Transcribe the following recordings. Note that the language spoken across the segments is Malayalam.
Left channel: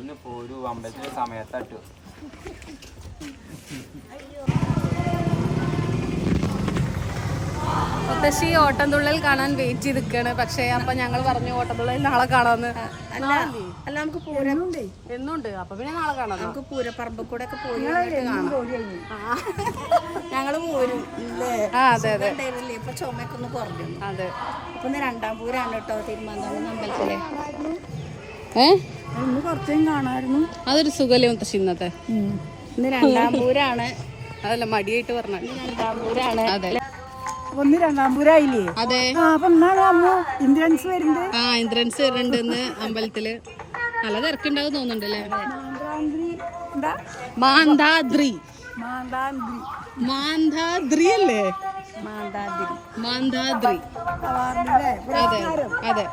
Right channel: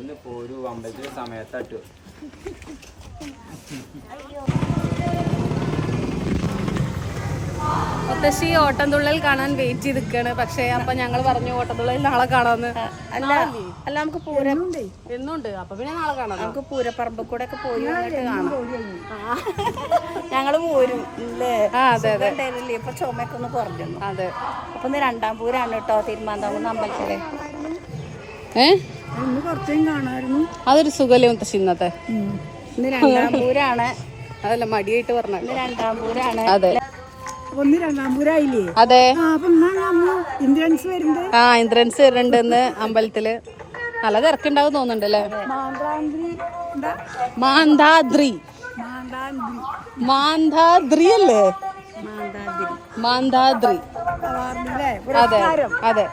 ഒന്ന് പോരൂ അമ്പലത്തിലെ സമയത്തട്ടു. മുത്തശ്ശി ഓട്ടംതുള്ളൽ കാണാൻ വെയിറ്റ് ചെയ്ത് നിൽക്കാണ്. പക്ഷെ അപ്പൊ ഞങ്ങൾ പറഞ്ഞു ഓട്ടംതുള്ളൽ നാളെ കാണാന്ന്. അല്ല നമുക്ക് പൂരം എന്നുണ്ട്. അപ്പൊ പിന്നെ നാളെ കാണാം. നമുക്ക് പൂരപ്പറമ്പ് കൂടെ ഒക്കെ പോയി കാണാം. ഞങ്ങള് പോരും ഇല്ലേ? അതെ അതെ. ഇപ്പൊ ചുമയൊക്കെ ഒന്ന് കുറഞ്ഞു. അതെ. അപ്പൊ ഇന്ന് 2-ാം പൂരാണ് കേട്ടോ തിരുമാന്താകുന്ന് അമ്പലത്തിലെ. കുറച്ചും കാണാമായിരുന്നു. അതൊരു സുഖല്ലേ മുത്തശ്ശി ഇന്നത്തെ. ഇന്ന് 2-ാം പൂരാണ്. അതല്ല മടിയായിട്ട് പറഞ്ഞ. ഇന്ന് 2-ാം പൂരാണ്. അതെ. ഒന്ന് 2-ാം പൂരായില്ലേ? അതെ. ഇന്ദ്രൻസ് വരുന്നുണ്ട്. ഇന്ദ്രൻസ് വരുന്നുണ്ട് ഇന്ന് അമ്പലത്തില്. നല്ല തിരക്കുണ്ടാവും തോന്നുന്നുണ്ട് അല്ലേ? മാന്താദ്രി. മാന്താദ്രി അല്ലേ? മാന്താദ്രി. അതെ അതെ.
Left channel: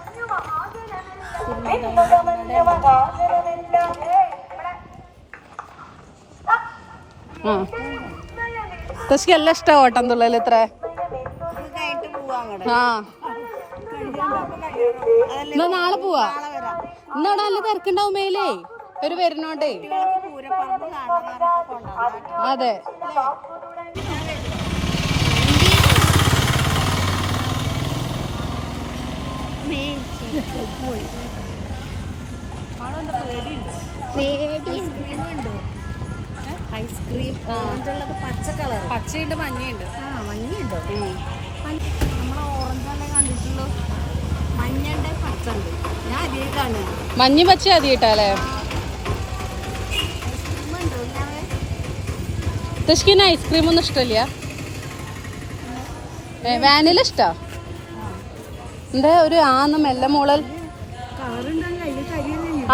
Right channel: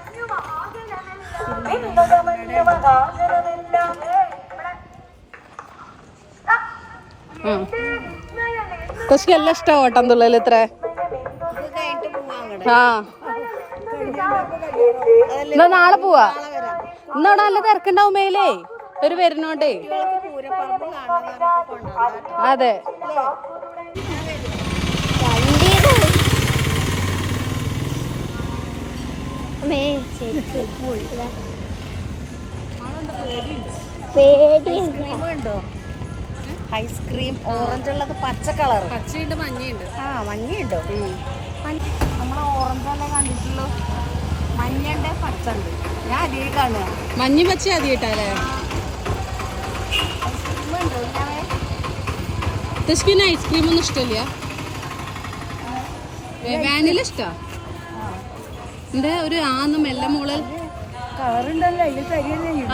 മുത്തശ്ശിക്ക് എല്ലാം ഇഷ്ടം ഓട്ടം തുള്ളൽ. ഇത്ര എന്നാ നാളെ പോവാ. ഇന്നവിടെ നല്ല തിരക്കുണ്ടാവും മേലേ ഒരു വരുന്നോണ്ടേ. അതെ. ഐസ്ക്രീം ഓറഞ്ച് ഉള്ളത് പച്ച കളർ. പച്ചയുണ്ട് മഞ്ഞയുണ്ട്. മഞ്ഞയുണ്ടോ? നമ്മളെ ഓറഞ്ചല്ലേ കണ്ടിട്ടുള്ളൂ. മഞ്ഞണ്ട് പച്ചുണ്ട്. ഞാൻ അധികം കാണുക. മഞ്ഞ പച്ച അധികട്ടല്ലേ? മുത്തശ്ശിക്ക് ഐസ്ക്രീം ഒന്നും ഇഷ്ടമില്ല. വാനില ഇഷ്ടാ. എന്താ ഒരു ആന്ന് മെല്ലെ മോളൽ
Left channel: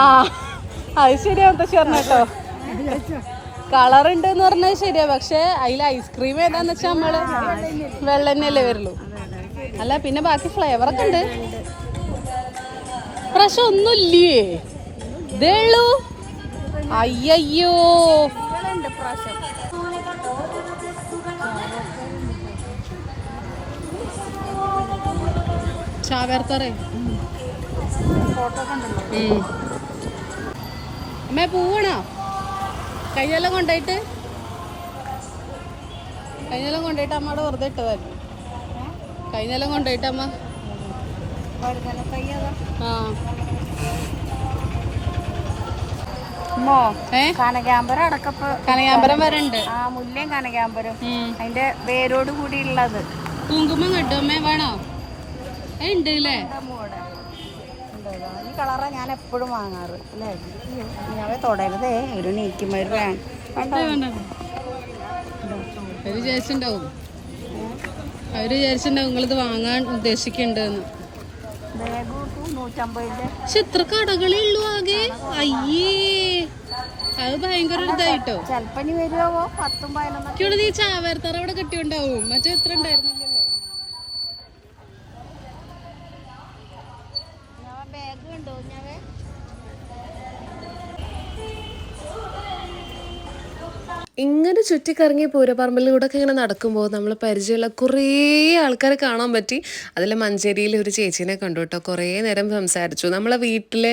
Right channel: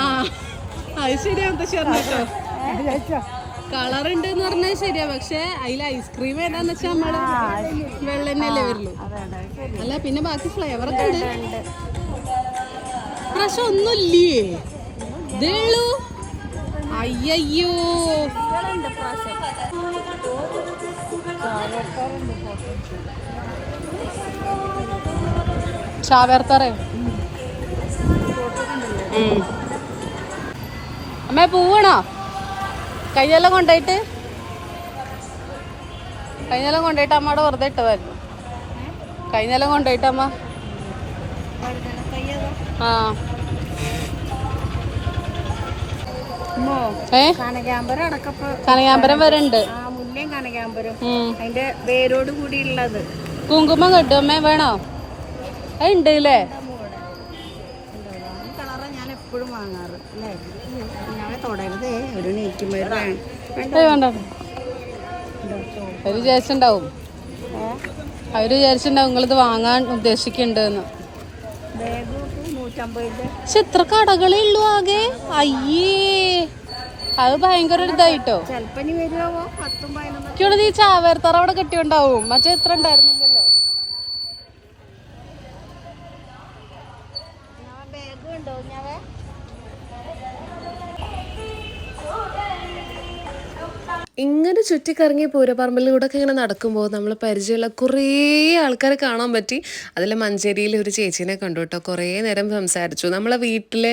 ആ അത് ശരിയാ മുത്തശ്ശി പറഞ്ഞോ. കളർ ഉണ്ട് എന്ന് പറഞ്ഞാൽ ശരിയാ. പക്ഷെ അതിൽ ഐസ്ക്രീം ഏതാന്ന് വെച്ചാൽ നമ്മള് വെള്ളന്നല്ലേ വരുള്ളൂ. അല്ല പിന്നെ ബാക്കി ഫ്ലേവർ ഒക്കെ ഉണ്ട്. പ്രാവശ്യം ഒന്നുമില്ലേ? ഇതേ ഉള്ളൂ. അയ്യോ ചാവേർത്തറേ. അമ്മേ പൂവണോ? കഴിഞ്ഞെല്ലാം കൊണ്ടുപോയിട്ട് അമ്മയുടെ വെറുതെ ഇട്ടതായിരുന്നു. കഴിഞ്ഞെല്ലാം കൊണ്ടുപോയിട്ട് അമ്മ കനകാമ്പരം അടക്കപ്പ്. കനകാമ്പരം വരണ്ട്. മുല്ലയും കനകാമ്പരം അതിന്റെ വേരോട് കൂടി ഉള്ളത്. കുങ്കുമം കെട്ടും അമ്മേ വേണോ? ഉണ്ട് അല്ലേ? ഈ കളറാ ഞാൻ എപ്പോഴും വാങ്ങാറ് അല്ലേ? ഞാൻ തുടരുതേ ഒരു നീക്കുമ്പോൾ വേണ്ട. അവര് വിചാരിച്ചിണ്ടാവും നിങ്ങളിത് വാങ്ങാൻ ഉദ്ദേശിക്കുന്നുണ്ടെന്ന്. പക്ഷെ എത്ര കടകളേ ഉള്ളൂ ആകെ. അയ്യേ അത് ഭയങ്കര ഒരു ഇതായിട്ടോ. ഈ ചാവേർത്തറ അവിടെ കെട്ടിയുണ്ടാവും. മറ്റേ എത്ര ഉണ്ടായിരുന്നില്ലല്ലോ. ഇങ്ങനെ ചുറ്റിക്കറങ്ങി പൂരപ്പറമ്പിലൂടെ ഒക്കെ ഇങ്ങനെ നടക്കുമ്പോൾ നമ്മൾ പരിചയമുള്ള കുറേ ആൾക്കാരെ കാണാൻ പറ്റി. അതിൽ മഞ്ചേരിയിൽ ഒരു ചേച്ചീനെ കണ്ടു കേട്ടോ. കുറേ നേരം സംസാരിച്ചു. നമ്മളെ വീട്ടിൽ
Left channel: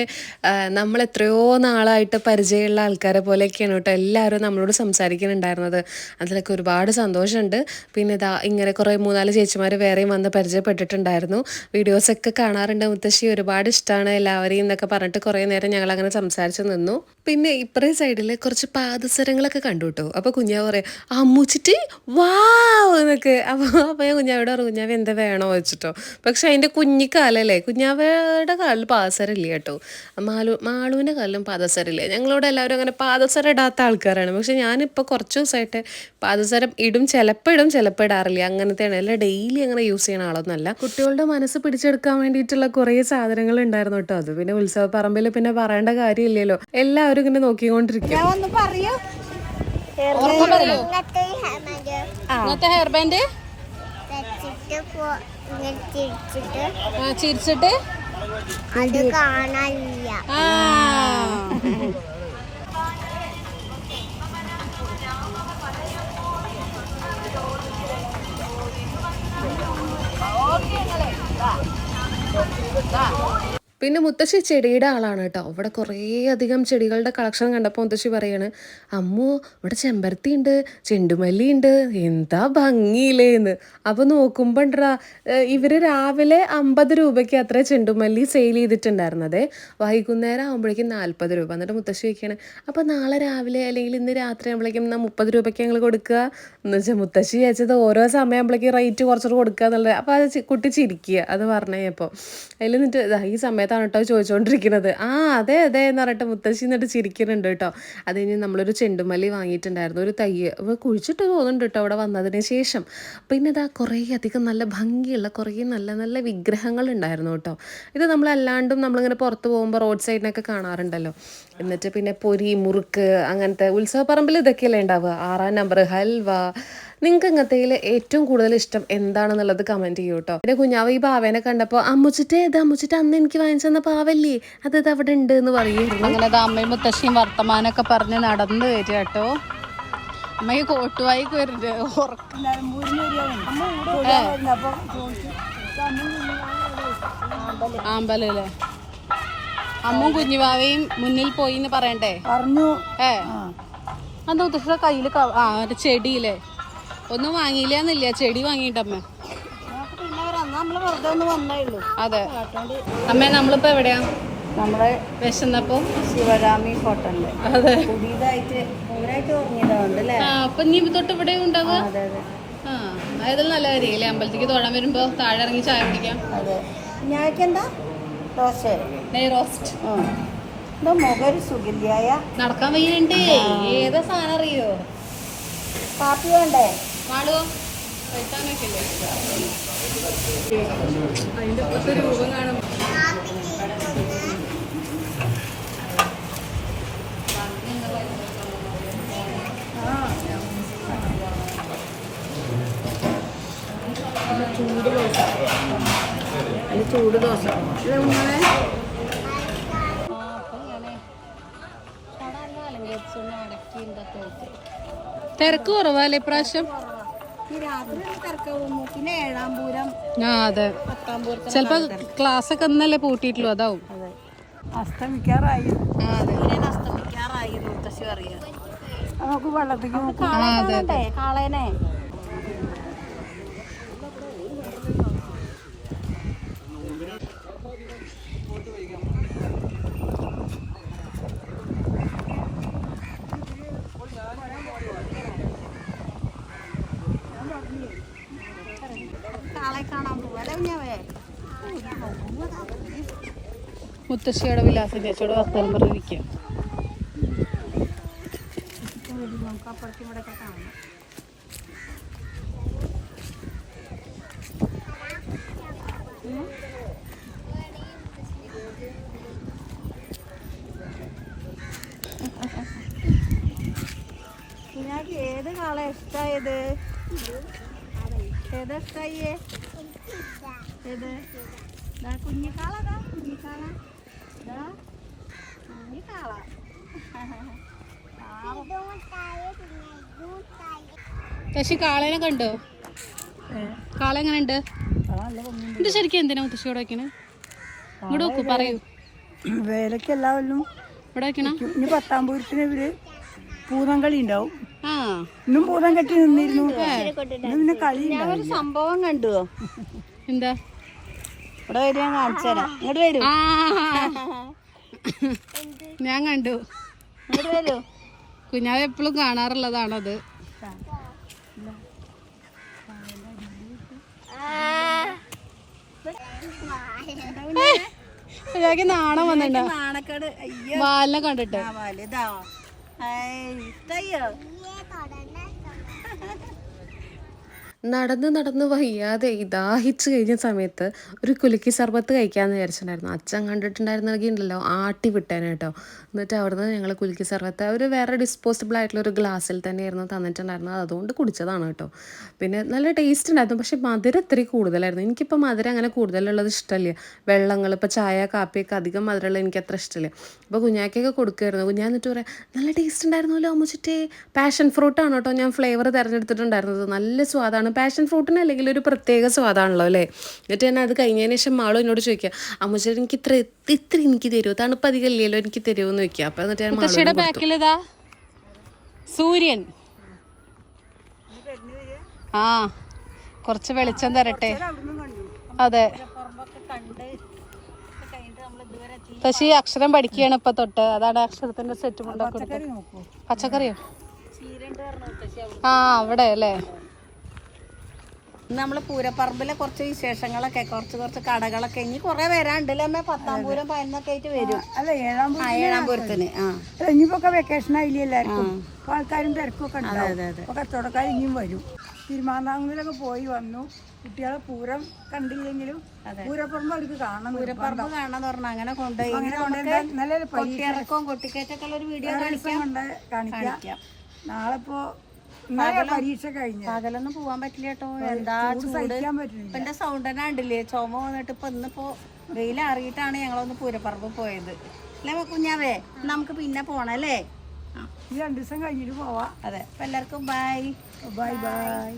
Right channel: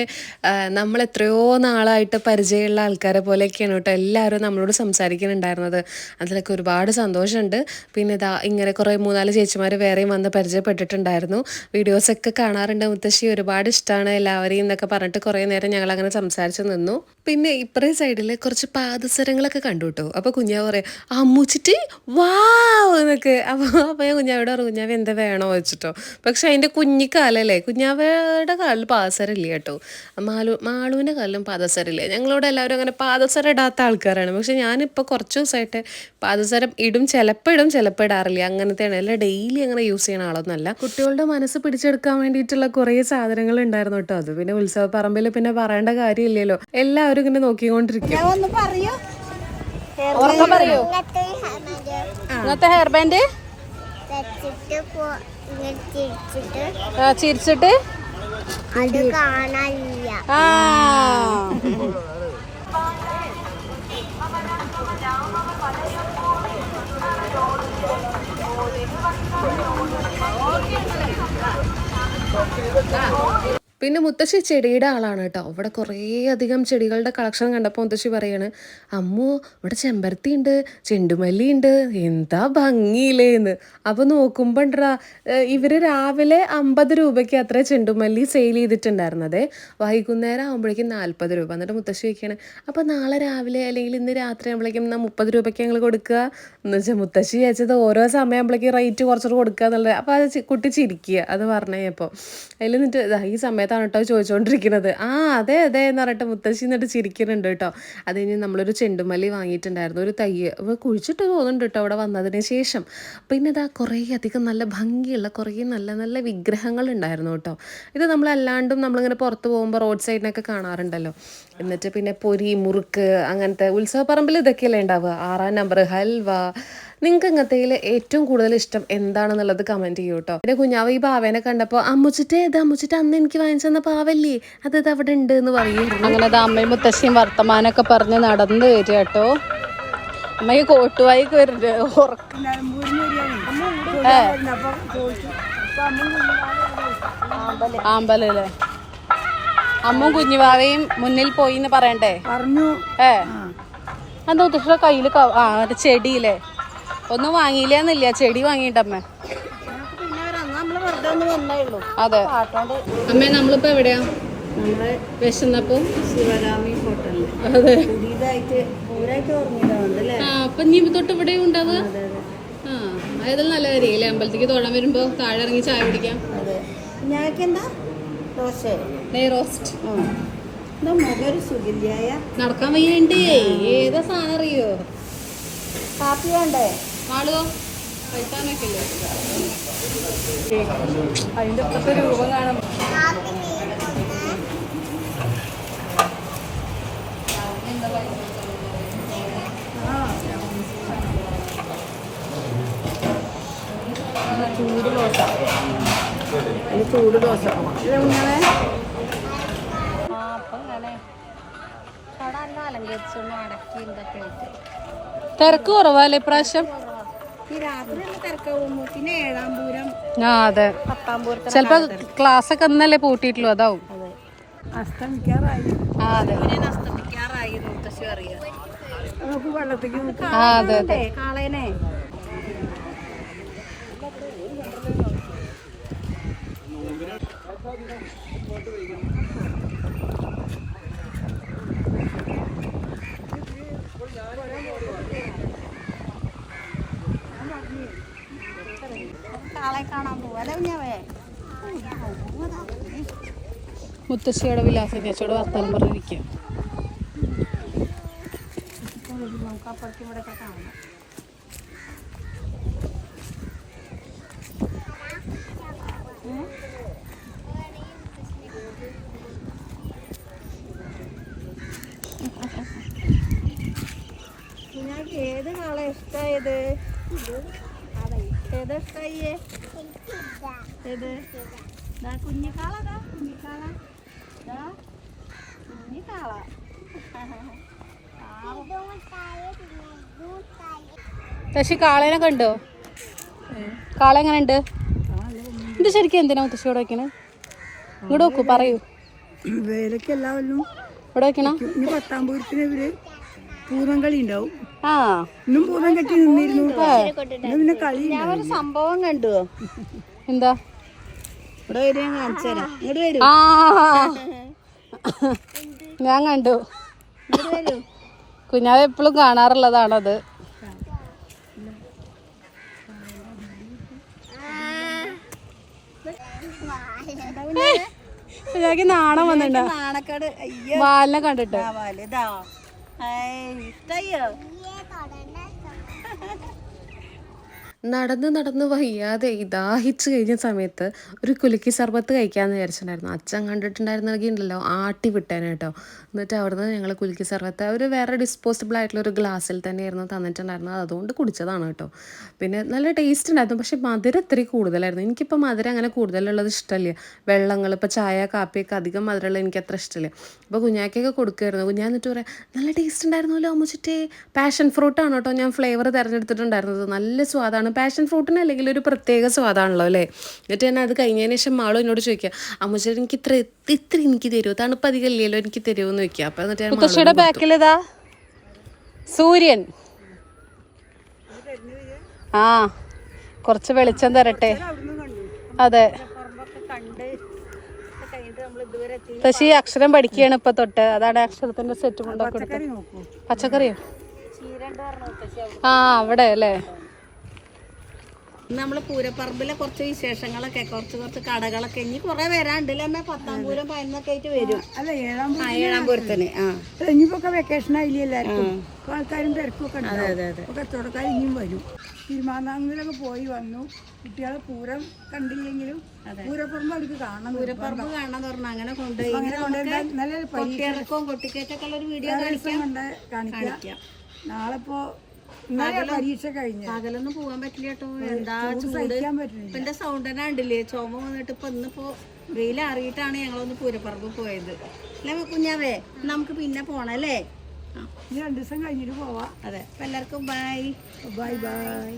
നമ്മൾ എത്രയോ നാളായിട്ട് പരിചയമുള്ള ആൾക്കാരെ പോലെയൊക്കെയാണ് കേട്ടോ എല്ലാവരും നമ്മളോട് സംസാരിക്കുന്നുണ്ടായിരുന്നത്. അതിലൊക്കെ ഒരുപാട് സന്തോഷമുണ്ട്. പിന്നെ ഇതാ ഇങ്ങനെ കുറേ 3-4 ചേച്ചിമാർ വേറെയും വന്ന് പരിചയപ്പെട്ടിട്ടുണ്ടായിരുന്നു. വീഡിയോസൊക്കെ കാണാറുണ്ട് മുത്തശ്ശി, ഒരുപാട് ഇഷ്ടമാണ് എല്ലാവരെയും എന്നൊക്കെ പറഞ്ഞിട്ട് കുറേ നേരം ഞങ്ങളങ്ങനെ സംസാരിച്ച് നിന്നു. പിന്നെ ഇപ്പറേ സൈഡിൽ കുറച്ച് പാദസരങ്ങളൊക്കെ കണ്ടു കേട്ടോ. അപ്പോൾ കുഞ്ഞാവ് പറയാം അമ്മൂച്ചിട്ട് വാവ് എന്നൊക്കെ. അപ്പോൾ ഞാൻ കുഞ്ഞാവോട് പറഞ്ഞു കുഞ്ഞാവ് എന്താ വേണോ വെച്ചിട്ടോ. പക്ഷെ അതിൻ്റെ കുഞ്ഞിക്കാലല്ലേ, കുഞ്ഞാവയുടെ കാലിൽ പാദസരം ഇല്ല കേട്ടോ. മാളുവിൻ്റെ കാലിലും പാദസരം ഇല്ല. ഞങ്ങളോട് എല്ലാവരും അങ്ങനെ പാദസരം ഇടാത്ത ആൾക്കാരാണ്. പക്ഷെ ഞാനിപ്പോൾ കുറച്ച് ദിവസമായിട്ട് പാദസരം ഇടും. ചിലപ്പോൾ ഇടും, ചിലപ്പോൾ ഇടാറില്ല. അങ്ങനത്തെയാണ്. അല്ല ഡെയിലി അങ്ങനെ യൂസ് ചെയ്യണ ആളൊന്നുമല്ല. കുട്ടികളുടെ മനസ്സ് പിടിച്ചെടുക്കാൻ വേണ്ടിയിട്ടുള്ള കുറേ സാധനങ്ങൾ ഉണ്ടായിരുന്നു കേട്ടോ. അത് പിന്നെ ഉത്സവ പറമ്പിൽ പിന്നെ പറയേണ്ട കാര്യമില്ലല്ലോ. എല്ലാവരും ഇങ്ങനെ നോക്കിക്കൊണ്ടിരിക്കും. പറയൂ ഇന്നത്തെ ഹെയർ ബാൻഡ് ചിരിച്ചിട്ട് അത് കാണാനില്ല. പിന്നെ മുത്തശ്ശി ചെടിയുടെ ആളാണ് കേട്ടോ. ഇവിടെ കുറേ അധികം ചെടികളുടെ കളക്ഷൻ കണ്ടപ്പോൾ മുത്തശ്ശി പറയാണ്, അമ്മോ ഇവിടെ ചെമ്പരത്തി ഉണ്ട്, ചെണ്ടുമല്ലി ഉണ്ട്, എന്താ ഭംഗിയില്ലേന്ന്. അപ്പോൾ നോക്കുമ്പോൾ ഇവർ രാവിലെ 50 രൂപയ്ക്ക് അത്ര ചെണ്ടുമല്ലി സെയിൽ ചെയ്തിട്ടുണ്ടായിരുന്നത്, വൈകുന്നേരം ആകുമ്പോഴേക്കും 40 രൂപ. എന്നിട്ട് മുത്തശ്ശി വയ്ക്കുകയാണ്, അപ്പോൾ നാളെ രാവിലെ അല്ലെങ്കിൽ ഇന്ന് രാത്രി ആകുമ്പോഴേക്കും 30 രൂപയ്ക്ക് ഞങ്ങൾ കൊടുക്കുക എന്ന് വെച്ചാൽ മുത്തശ്ശി ചോദിച്ചത് ഓരോ സമയമാകുമ്പോഴേക്കും റേറ്റ് കുറച്ചിട്ട് കൊടുക്കുക എന്നുള്ളത്. അപ്പോൾ അത് കുട്ടി ചിരിക്കുക അത് പറഞ്ഞപ്പോൾ. അതിൽ എന്നിട്ട് ഈ സമയത്താണ് കേട്ടോ ചോദിച്ചുകൊണ്ടിരിക്കുന്നത്. അതെ അതെ എന്ന് പറഞ്ഞിട്ട് മുത്തശ്ശി എന്നിട്ട് ചിരിക്കുന്നുണ്ട് കേട്ടോ. അത് കഴിഞ്ഞ് നമ്മളൊരു ചെണ്ടുമല്ലി വാങ്ങിയിട്ടുണ്ടായിരുന്നു, ഒരു തൈ കുഴിച്ചിട്ട് തോന്നുന്നുണ്ട് കേട്ടോ അവിടെ വന്നതിന് ശേഷം. പിന്നെ ഇതാ കുറേ അധികം നല്ല ഭംഗിയുള്ള കുറേ നല്ല നല്ല വിഗ്രഹങ്ങൾ ഉണ്ടായിരുന്നു കേട്ടോ. ഇത് നമ്മളല്ലാണ്ടും നമ്മളിങ്ങനെ പുറത്ത് പോകുമ്പോൾ റോഡ് സൈഡിനൊക്കെ കാണാറുണ്ടല്ലോ. എന്നിട്ട് പിന്നെ പൊരി, മുറുക്ക്, അങ്ങനത്തെ ഉത്സവപ്പറമ്പിൽ ഇതൊക്കെയല്ലേ ഉണ്ടാവുക. 6-ാം നമ്പർ, ഹൽവ. നിങ്ങൾക്ക് ഇങ്ങനത്തേൽ ഏറ്റവും കൂടുതൽ ഇഷ്ടം എന്താണെന്നുള്ളത് കമൻറ്റ് ചെയ്യൂ കേട്ടോ. പിന്നെ കുഞ്ഞാവ് ഈ പാവേനെ കണ്ടപ്പോൾ അമ്മുച്ചിട്ട് അന്ന് എനിക്ക് വാങ്ങിച്ചു തന്ന പാവല്ലേ, അത് അവിടെ ഉണ്ട് എന്ന് പറയുമായിരുന്നു. അങ്ങനെ അമ്മയും മുത്തശ്ശിയും വർത്തമാനമൊക്കെ പറഞ്ഞ് നടന്നു വരിക കേട്ടോ. അമ്മയെ കോട്ടുവായിക്ക് വരുന്നുണ്ട്. ആമ്പലല്ലേ അമ്മയും കുഞ്ഞുവാവയും മുന്നിൽ പോയി എന്ന് പറയണ്ടേ? പറഞ്ഞു. എന്താ മുത്തശ്ശിയുടെ കയ്യിൽ ചെടിയില്ലേ ഒന്നും വാങ്ങിയില്ലെന്നില്ല, ചെടി വാങ്ങിയിട്ടമ്മ. അതെ അമ്മ, നമ്മളിപ്പോ എവിടെയാ? നമ്മുടെ വിശന്നപ്പോ ശിവഗാമി ഹോട്ടലില്. അതെ, പുതിയതായിട്ട് തുടങ്ങിയതുകൊണ്ടല്ലേ. അപ്പൊ നീ തൊട്ട് ഇവിടെ ഉണ്ടാവുക. അതെ അതെ. അതായത് നല്ല കാര്യല്ലേ, അമ്പലത്തേക്ക് തൊഴാൻ വരുമ്പോ താഴെ ഇറങ്ങി ചായ കുടിക്കാം. അതെ. ഞാക്കെന്താ ദോശ, നെയ് റോസ്റ്റ്. എന്താ മുഖം സുഖില്ലായ, നടക്കാൻ വയ്യണ്ടേ. ഏതാ സാധനം അറിയോ? കാപ്പി വേണ്ടേ? ആളുവോ അതിന്റെ ഇപ്പത്തെ രൂപം കാണും. ചൂട് ദോശ, ചൂട് ദോശ. തിരക്ക് കുറവല്ലേ ഇപ്രാവശ്യം? പിന്നെ 7-ാം പൂരം, അതെ, 10-ാം പൂരത്തിന് ചിലപ്പോ ക്ലാസ് ഒക്കെ ഇന്നല്ലേ പൂട്ടിയിട്ടുള്ളൂ, അതാവും. അസ്തമിക്കാറായി. അതെ, അസ്തമിക്കാറായി മുത്തശ്ശി അറിയാം. നമുക്ക് വെള്ളത്തേക്ക് കാളേനെ. കാളെ കാണാൻ പോവല്ലേ കുഞ്ഞാവേ? മുത്തശ്ശിയുടെ വിലാസം ചേച്ചിയോട് വർത്തമാനം പറഞ്ഞിരിക്കുക. നമുക്ക് അപ്പുറത്തും ഇവിടെ ഒക്കെ കാണാം. കുഞ്ഞാക്ക് ഏത് കാളെ ഇഷ്ടായത്? ഏതാ ഇഷ്ടായേ? ഏത്? കുഞ്ഞിക്കാള, കുഞ്ഞിക്കാള, കുഞ്ഞിക്കാള. മുത്തശ്ശി കാളേനെ കണ്ടോ? കാള എങ്ങനെ ഉണ്ട്? ഇത് ശരിക്കും എന്തിനാ മുത്തശ്ശിയോട് വെക്കണേ? ഇവിടെ വെക്കൂ, പറയൂ. വേലക്ക് എല്ലാവരും ഇവിടെ വെക്കണം. ഇനി 10-ാം പൂരത്തിന് ഇവര് പൂതം കളി ഉണ്ടാവും. ഇന്നും പൂതം കെട്ടി നിന്നിരുന്നു. പിന്നെ കളി സംഭവം കണ്ടു. എന്താ? ഇവിടെ വരും, ഞാൻ കാണിച്ചു തരാം. ഇങ്ങോട്ട് വരൂ. ഞാൻ കണ്ടു. ഇങ്ങോട്ട് വരൂ. കുഞ്ഞാവ് എപ്പോഴും കാണാറുള്ളതാണത്. കുഞ്ഞാക്ക് നാണം വന്നിട്ടുണ്ടോ? നാണക്കേട് വാലിനെ കണ്ടിട്ട്. ഇഷ്ടയോ? നടന്ന് നടന്ന് വയ്യാതെ ദാഹിച്ച് കഴിഞ്ഞ സമയത്ത് ഒരു കുലുക്കി സർബത്ത് കഴിക്കാമെന്ന് വിചാരിച്ചിട്ടുണ്ടായിരുന്നു. അച്ഛൻ കണ്ടിട്ടുണ്ടായിരുന്നെങ്കിൽ ഉണ്ടല്ലോ ആട്ടി വിട്ടേനെ കേട്ടോ. എന്നിട്ട് അവിടുന്ന് ഞങ്ങൾ കുലുക്കി സർബത്ത് അവർ വേറെ ഡിസ്പോസിബിൾ ആയിട്ടുള്ള ഒരു ഗ്ലാസ്സിൽ തന്നെയായിരുന്നു തന്നിട്ടുണ്ടായിരുന്നത്. അതുകൊണ്ട് കുടിച്ചതാണ് കേട്ടോ. പിന്നെ നല്ല ടേസ്റ്റ് ഉണ്ടായിരുന്നു, പക്ഷേ മധുരം ഇത്തിരി കൂടുതലായിരുന്നു. എനിക്കിപ്പോൾ മധുരം അങ്ങനെ കൂടുതലുള്ളത് ഇഷ്ടമല്ല. വെള്ളങ്ങൾ ഇപ്പോൾ ചായ കാപ്പിയൊക്കെ അധികം മധുരമുള്ളത് എനിക്ക് അത്ര ഇഷ്ടമില്ല. അപ്പോൾ കുഞ്ഞാക്കൊക്കെ കൊടുക്കുമായിരുന്നു. കുഞ്ഞാ എന്നിട്ട് പറയാം, നല്ല ടേസ്റ്റ് ഉണ്ടായിരുന്നല്ലോ അമ്മുച്ചിട്ടേ. പാഷൻ ഫ്രൂട്ടാണ് കേട്ടോ ഞാൻ ഫ്ലേവർ തിരഞ്ഞെടുത്തിട്ടുണ്ടായിരുന്നത്. നല്ല സ്വാദാണ്, കാരണം പാഷൻ ഫ്രൂട്ടിന് അല്ലെങ്കിൽ ഒരു പ്രത്യേക സ്വാദാണല്ലോ അല്ലേ. എന്നിട്ട് തന്നെ അത് കഴിഞ്ഞതിന് ശേഷം മാളും എന്നോട് ചോദിക്കുക അമ്മൂച്ചേട്ടൻ എനിക്ക് ഇത്ര എനിക്ക് തരുമോ, തണുപ്പ് അധികം ഇല്ലല്ലോ എനിക്ക് തരുമോ എന്ന് ചോദിക്കുക. അപ്പം എന്നിട്ട് ഞാൻ മുത്തശ്ശിയുടെ ബാക്കിലിതാ സൂര്യൻ. ആ കുറച്ച് വെളിച്ചം തരട്ടെ. അതെ പക്ഷേ ഈ അക്ഷരം പഠിക്കുകയാണ് ഇപ്പൊ തൊട്ട്. അതാണ് അക്ഷരത്തിന്റെ സെറ്റ്. പച്ചക്കറിയോ? ആ അവിടെ അല്ലേ. നമ്മള് പൂരപ്പറമ്പിലെ കുറച്ച് വിശേഷങ്ങളൊക്കെ കുറച്ച് കടകളൊക്കെ ഇനി കുറെ വരാണ്ടല്ലേ അമ്മ. 10-ാം പൂരം 11-ഒക്കെ ആയിട്ട് വരും. അല്ല 7-ാം പൂരത്തിന്. ഇനിയിപ്പോ വെക്കേഷൻ ആയില്ലേ എല്ലാവർക്കും. ആൾക്കാരും തിരക്കൊക്കെ ഉണ്ടാവും. കച്ചവടക്കാർ ഇനിയും വരും. തിരുമാന്താങ്കുലൊക്കെ പോയി വന്നു. കുട്ടികളെ പൂരം കണ്ടില്ലെങ്കിലും പൂരപ്പറമ്പ് അവർക്ക് കാണണം. പൂരപ്പറമ്പ് കാണാന്ന് പറഞ്ഞ അങ്ങനെ കൊണ്ടുപോയി നല്ലൊരു കൊട്ടിയിറക്കവും കൊട്ടിക്കേറ്റൊക്കെ ഉള്ള ഒരു വീഡിയോ കാണിക്കാം. നാളെ ഇപ്പോ പരീക്ഷ കഴിഞ്ഞു. പകലൊന്നും പോവാൻ പറ്റില്ല കേട്ടോ. എന്താ ചൂട്. ഇപ്പൊ എന്റെ സൗണ്ട് തന്നെ കണ്ടില്ലേ, ചുമ വന്നിട്ട്. ഇപ്പൊ ഇന്നിപ്പോ വെയിലറിയിട്ടാണ് ഞങ്ങളൊന്ന് പൂരപ്പറമ്പ് പോയത് അല്ലേ കുഞ്ഞാവേ. നമുക്ക് പിന്നെ പോണല്ലേ. 2 ദിവസം കഴിഞ്ഞിട്ട് പോവാ. അതെ. അപ്പൊ എല്ലാവർക്കും ബൈ. ബൈ.